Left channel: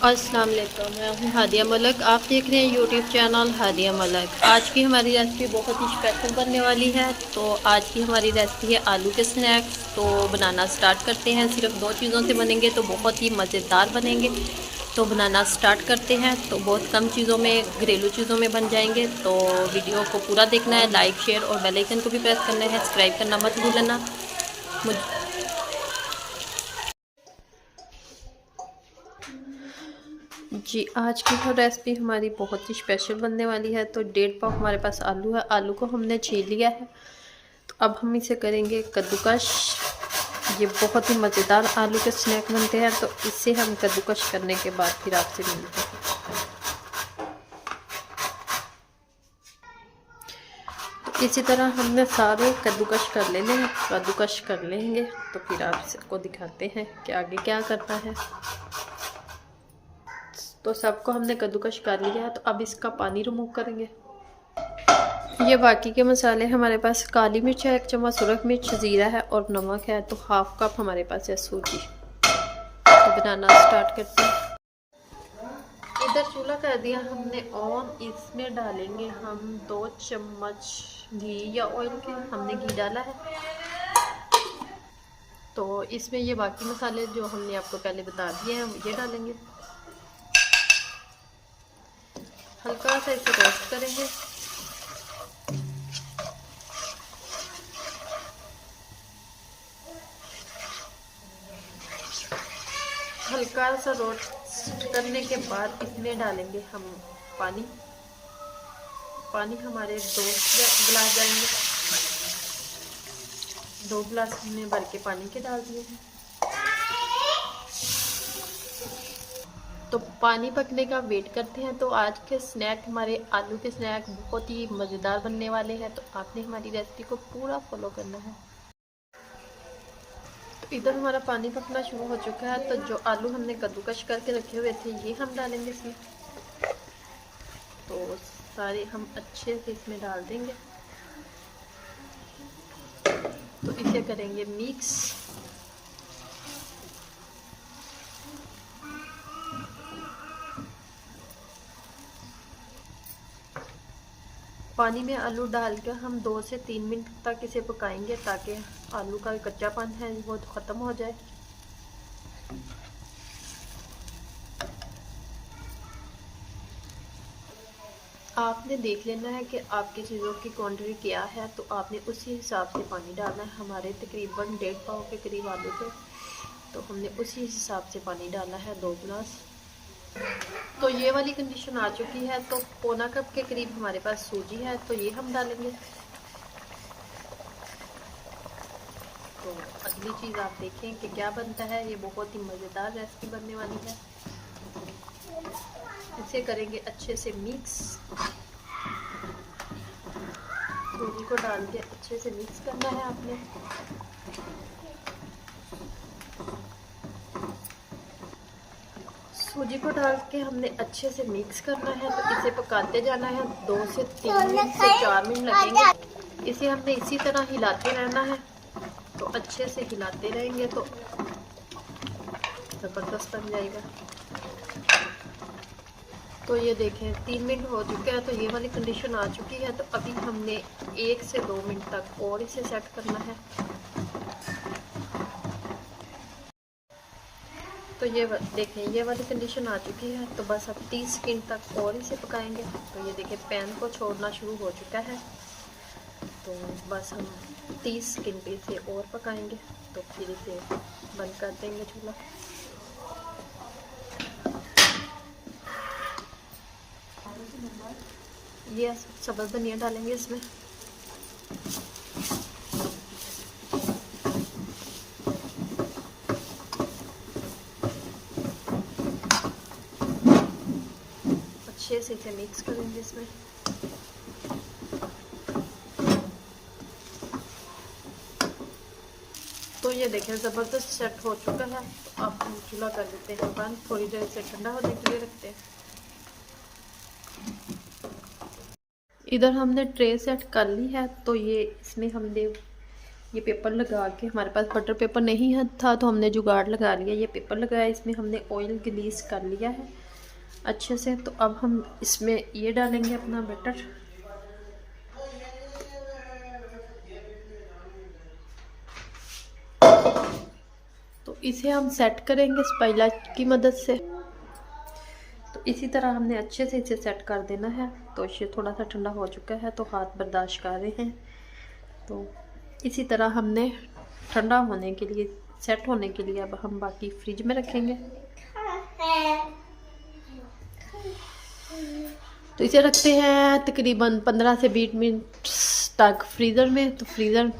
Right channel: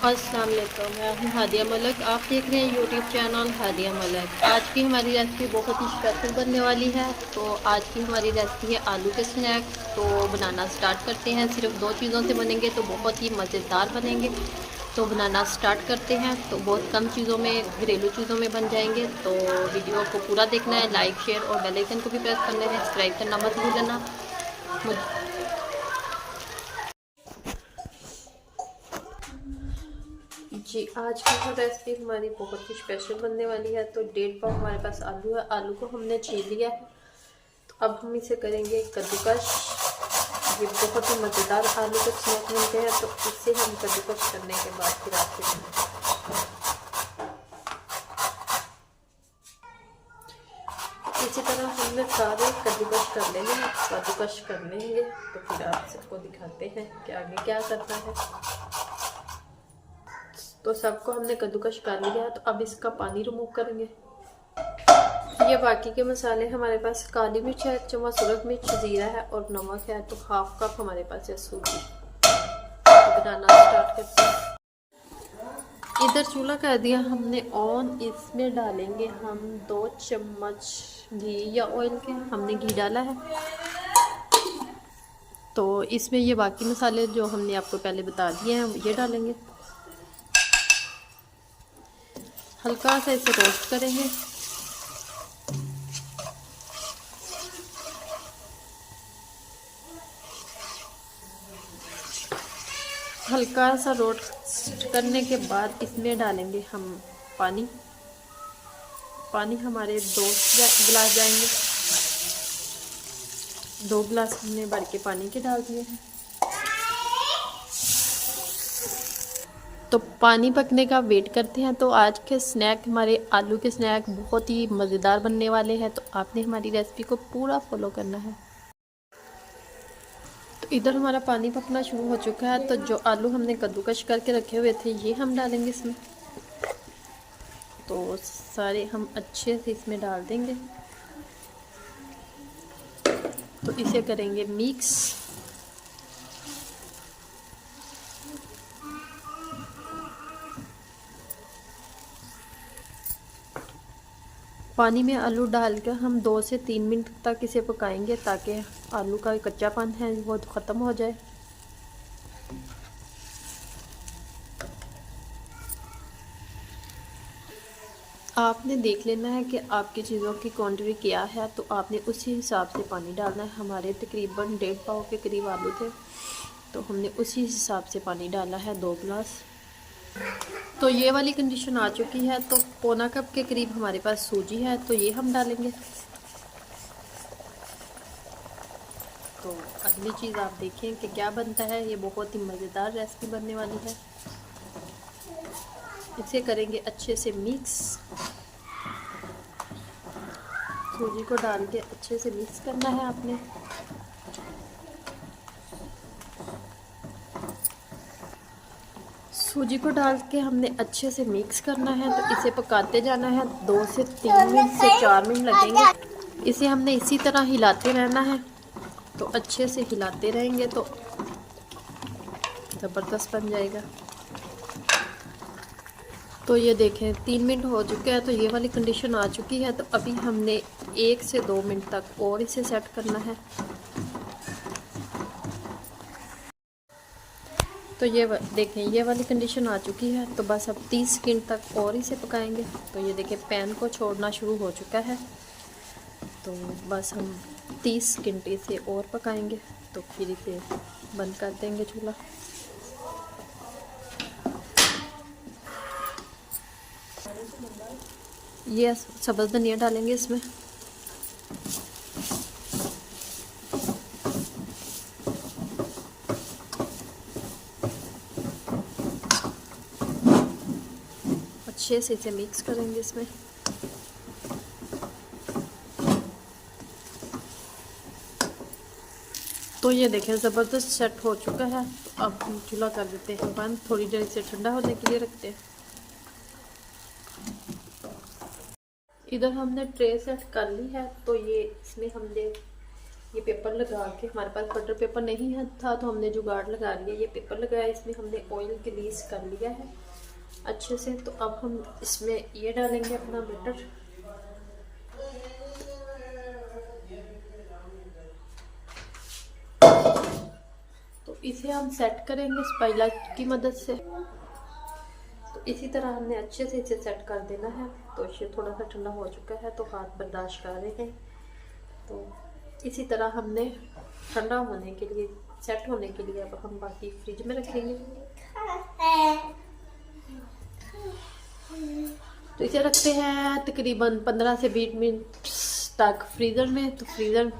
अस्सलाम वालेकुम, मैं हूँ हादिया मलक। आप देख रहे हैं यूट्यूब चैनल हादिया मलक। आज की हमारी रेसिपी बहुत ही स्पेशल बनने वाली है। तो आज की हमारी रेसिपी है आलू के स्नैक्स। तो बनाना स्टार्ट करते हैं। सिर्फ दो चीज़ों से बनेंगे तो बहुत ही मज़ेदार बनेंगे। तो बनाना स्टार्ट करते हैं। तो बहुत कम चीज़ों में, घरेलू चीज़ों में बन जाएंगे। तो वीडियो को पूरा देखना है, लाइक शेयर और बेल आइकन को भी प्रेस करना है। सब्सक्राइब करना मत भूलना। जी, आज की जो रेसिपी हमारी बहुत ही स्पेशल बनने वाली है। तो 1.5 पाव हमारे पास आलू है। आलू को हमने छील लिया है। तो अब हम इसे करेंगे कद्दूकश। ये बहुत ही मज़ेदार आलू के स्नैक बनते हैं। तो इसे हम कद्दूकश करने के बाद फिर आपसे मिलते हैं। इसी तरह हमने सारे कद्दूकश कर लेने हैं। कद्दूकश कर लेंगे तो फिर आपको दिखाते हैं कि आगे क्या करना है। तो सबको हमने कद्दूकश कर लिया है। तो अब इसका पानी रिमूव करेंगे। ये बाकी के मसाले हमारे पास काली मिर्च है, 1 चम्मच सुरख मिर्च, ज़ीरा है और नमक है। तो 1/2 कप हमारे पास है सूजी। तो बनाना स्टार्ट करते हैं। इधर चूल्हा कर दिया हमने ऑन। इसमें डालेंगे हम 2 चम्मच घी या ऑयल के। हमने घी डाला है। तो इसमें ये बाकी मसाले जो हमने आपको पहले बता दिए हैं ये डालेंगे। हल्का सा इसे रोस्ट करेंगे। हल्का सा रोस्ट करने के बाद इसमें डालेंगे हम पानी। पानी हमारे 2 गिलास जाएंगे। 2 गिलास हमने भर के पानी के डाल दिए हैं। तो पानी पकने का वेट करते हैं। तो आज के स्नैक, हमारे आलू के स्नैक बहुत ही मज़ेदार बनने वाले हैं। तो आपने हमारी रेसिपी को पूरा फॉलो करना है। तो इधर हमारा पानी पकना शुरू हो चुका है। तो जो आलू हमने कद्दूकश करके रखे हुए थे ये हम डालेंगे इसमें। तो सारे हम अच्छे से इसमें डाल देंगे। तो इसे करेंगे मिक्स। पानी में आलू डालकर हम 2 से 3 मिनट तक इसे पकाएंगे ताकि आलू का कच्चापन है वो ख़त्म हो जाए। आपने देख लेना है कि आपकी चीज़ों की क्वांटिटी क्या है। तो आपने उसी हिसाब से पानी डालना है। हमारे तकरीबन 1.5 पाव के करीब आलू थे। तो हमने उसी हिसाब से पानी डाला है, 2 गिलास। तो ये वाली कंडीशन आ चुकी है। तो पौना कप के करीब हमारे पास सूजी है। तो ये हम डालेंगे। तो अगली चीज़ आप देखें कि क्या बनता है। ये बहुत ही मज़ेदार रेसिपी बनने वाली है। इसे करेंगे अच्छे से मिक्स। सूजी को डाल के अच्छे से मिक्स करना है आपने। सूजी को डाल के हमने अच्छे से मिक्स करना है। तो इसे पकाते जाना है। 2 से 3 मिनट से 4 मिनट लगेंगे। इसे हमने इसी तरह हिलाते रहना है। तो अच्छे से हिलाते रहेंगे तो ज़बरदस्त बन जाएगा। तो ये देखें 3 मिनट हो चुके हैं। तो ये वाली कंडीशन आ चुकी है। तो अभी हमने 1 से 2 मिनट तक और इसे सेट करना है। तो ये देखें ये वाली कंडीशन आ चुकी है। तो बस अब 30 सेकंड तक और इसे पकाएंगे। तो ये देखें पैन को छोड़ना शुरू हो चुका है। तो बस हम 30 सेकंड इसे और पकाएंगे। तो फिर इसे बंद कर देंगे चूल्हा। ये सब्ज़ धनिया डालेंगे इसमें। अच्छे से इसे मिक्स करेंगे इसमें। तो ये देखें ज़बरदस्त सेट हो चुका है। तो अब हम चूल्हा कर देते हैं बंद। थोड़ी देर इसे ठंडा होने के लिए रखते हैं। इधर हमने ट्रे सेट कर ली है। तो ये इसमें हमने ये पेपर लगा के, हमारे पास बटर पेपर नहीं था तो हमने जुगाड़ लगा लिया, ये पेपर लगाया, इसमें हमने ऑयल ग्रीस कर लिया है अच्छे से। तो अब हम इसमें ये डालेंगे अपना बटर। तो इसे हम सेट करेंगे स्पाइला की मदद से। तो इसी तरह हमने अच्छे से इसे सेट कर देना है। तो ये थोड़ा सा ठंडा हो चुका है तो हाथ बर्दाश्त कर रहे हैं। तो इसी तरह हमने ठंडा होने के लिए, सेट होने के लिए अब हम बाकी फ्रिज में रखेंगे। तो इसे रखते हैं तकरीबन 15 से 20 मिनट तक फ्रीज़र में। तो फ्रीज़र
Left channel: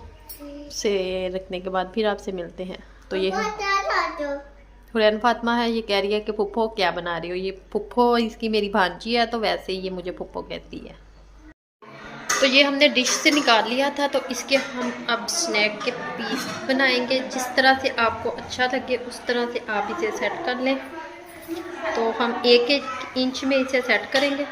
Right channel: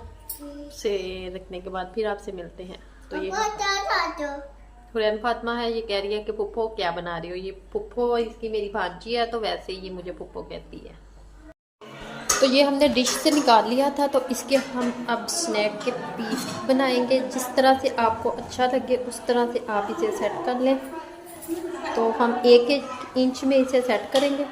से रखने के बाद फिर आपसे मिलते हैं। तो ये हुरैन फातिमा है, ये कह रही है कि पुप्पो क्या बना रही हो। ये पुप्पो इसकी मेरी भांजी है, तो वैसे ही ये मुझे पुप्पो कहती है। तो ये हमने डिश से निकाल लिया था। तो इसके हम अब स्नैक के पीस बनाएंगे। जिस तरह से आपको अच्छा लगे उस तरह से आप इसे सेट कर लें। तो हम 1-1 इंच में इसे सेट करेंगे।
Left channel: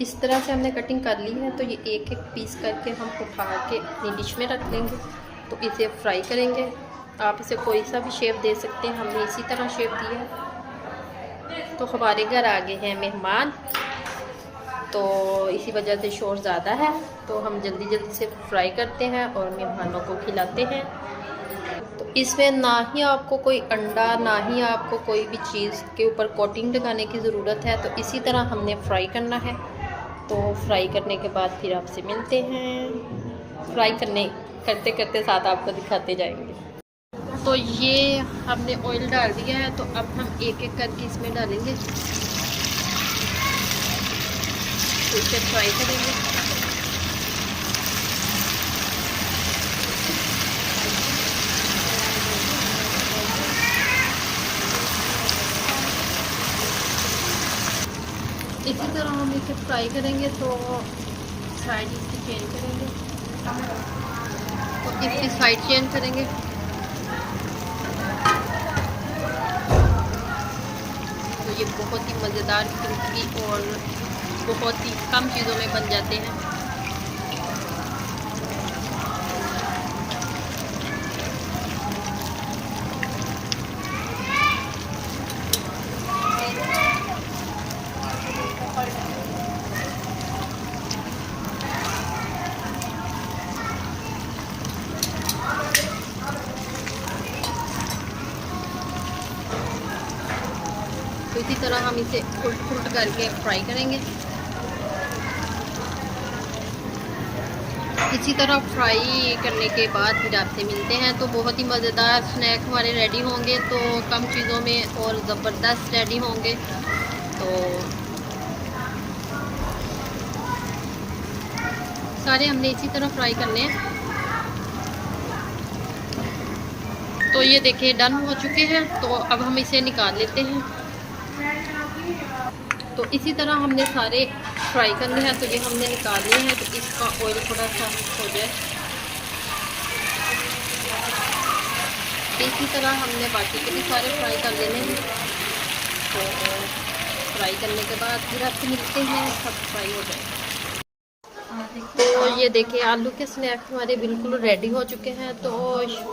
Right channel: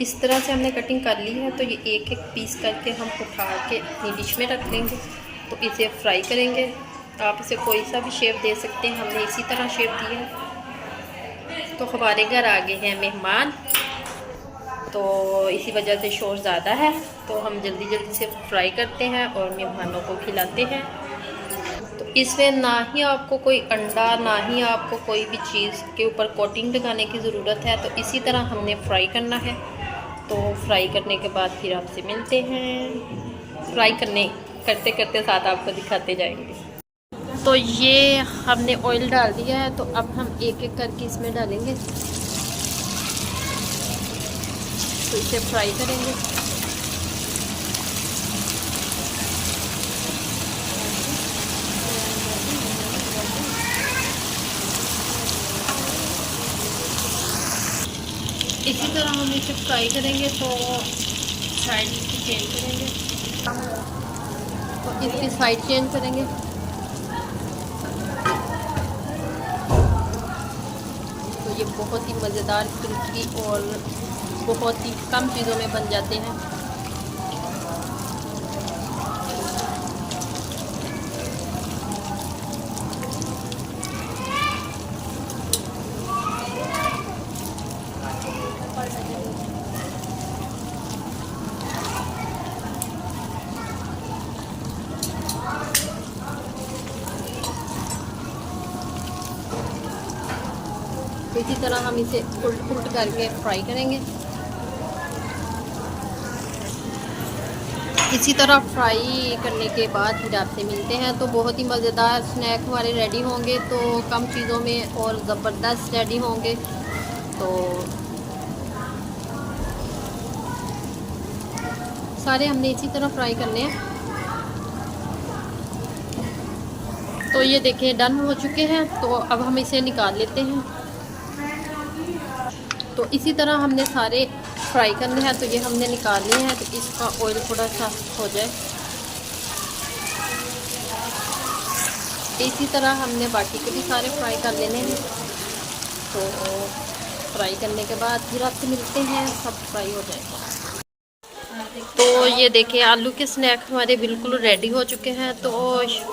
इस तरह से हमने कटिंग कर ली है। तो ये 1-1 पीस करके हम उठा के अपनी डिश में रख लेंगे। तो इसे फ्राई करेंगे। आप इसे कोई सा भी शेप दे सकते हैं, हमने इसी तरह शेप दिया है। तो हमारे घर आ गए हैं मेहमान, तो इसी वजह से शोर ज़्यादा है। तो हम जल्दी जल्दी से फ्राई करते हैं और मेहमानों को खिलाते हैं। तो इसमें ना ही आपको कोई अंडा, ना ही आपको कोई भी चीज़ के ऊपर कोटिंग लगाने की ज़रूरत है। तो इसी तरह हमने फ्राई करना है। तो फ्राई करने के बाद फिर आपसे मिलते हैं। फ्राई करते करते साथ आपको दिखाते जाएंगे। तो ये हमने ऑयल डाल दिया है। तो अब हम 1-1 करके इसमें डालेंगे। तो इसे फ्राई करेंगे। इसी तरह हम इसे फ्राई करेंगे। तो साइड इसकी चेंज करेंगे, तो इसकी साइड चेंज करेंगे। तो ये बहुत ही मज़ेदार, क्रिस्पी और बहुत ही कम चीज़ों में बन जाते हैं। तो इसी तरह हम इसे उल्ट करके फ्राई करेंगे। इसी तरह फ्राई करने के बाद फिर आपसे मिलते हैं। तो बहुत ही मज़ेदार स्नैक हमारे रेडी होंगे। तो कम चीज़ों में और ज़बरदस्त रेडी होंगे। तो सारे हमने इसी तरह फ्राई करने हैं। तो ये देखिए डन हो चुके हैं। तो अब हम इसे निकाल लेते हैं। तो इसी तरह हमने सारे फ्राई करने हैं। तो ये हमने निकाल लिए हैं। तो इसका ऑयल थोड़ा सा हो जाए। इसी तरह हमने बाकी के भी सारे फ्राई कर लेने हैं। तो फ्राई करने के बाद फिर आपसे मिलते हैं, सब फ्राई हो जाएगा। तो ये देखिए आलू के स्नैक हमारे बिल्कुल रेडी हो चुके हैं। तो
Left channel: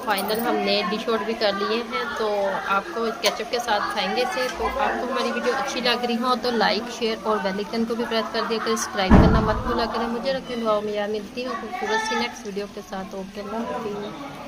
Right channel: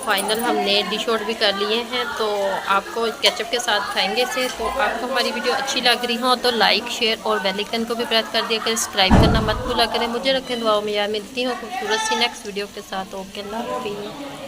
फाइनल हमने डिश आउट भी कर लिए हैं। तो आपको केचप के साथ खाएंगे इसे। तो आपको हमारी वीडियो अच्छी लग रही हो तो लाइक, शेयर और बेल आइकन को भी प्रेस कर दिया करें। सब्सक्राइब करना मत भूला करें। मुझे रखें दुआओं में। याद मिलती हूँ खूबसूरत सी नेक्स्ट वीडियो के साथ। ओके, अल्लाह हाफिज़।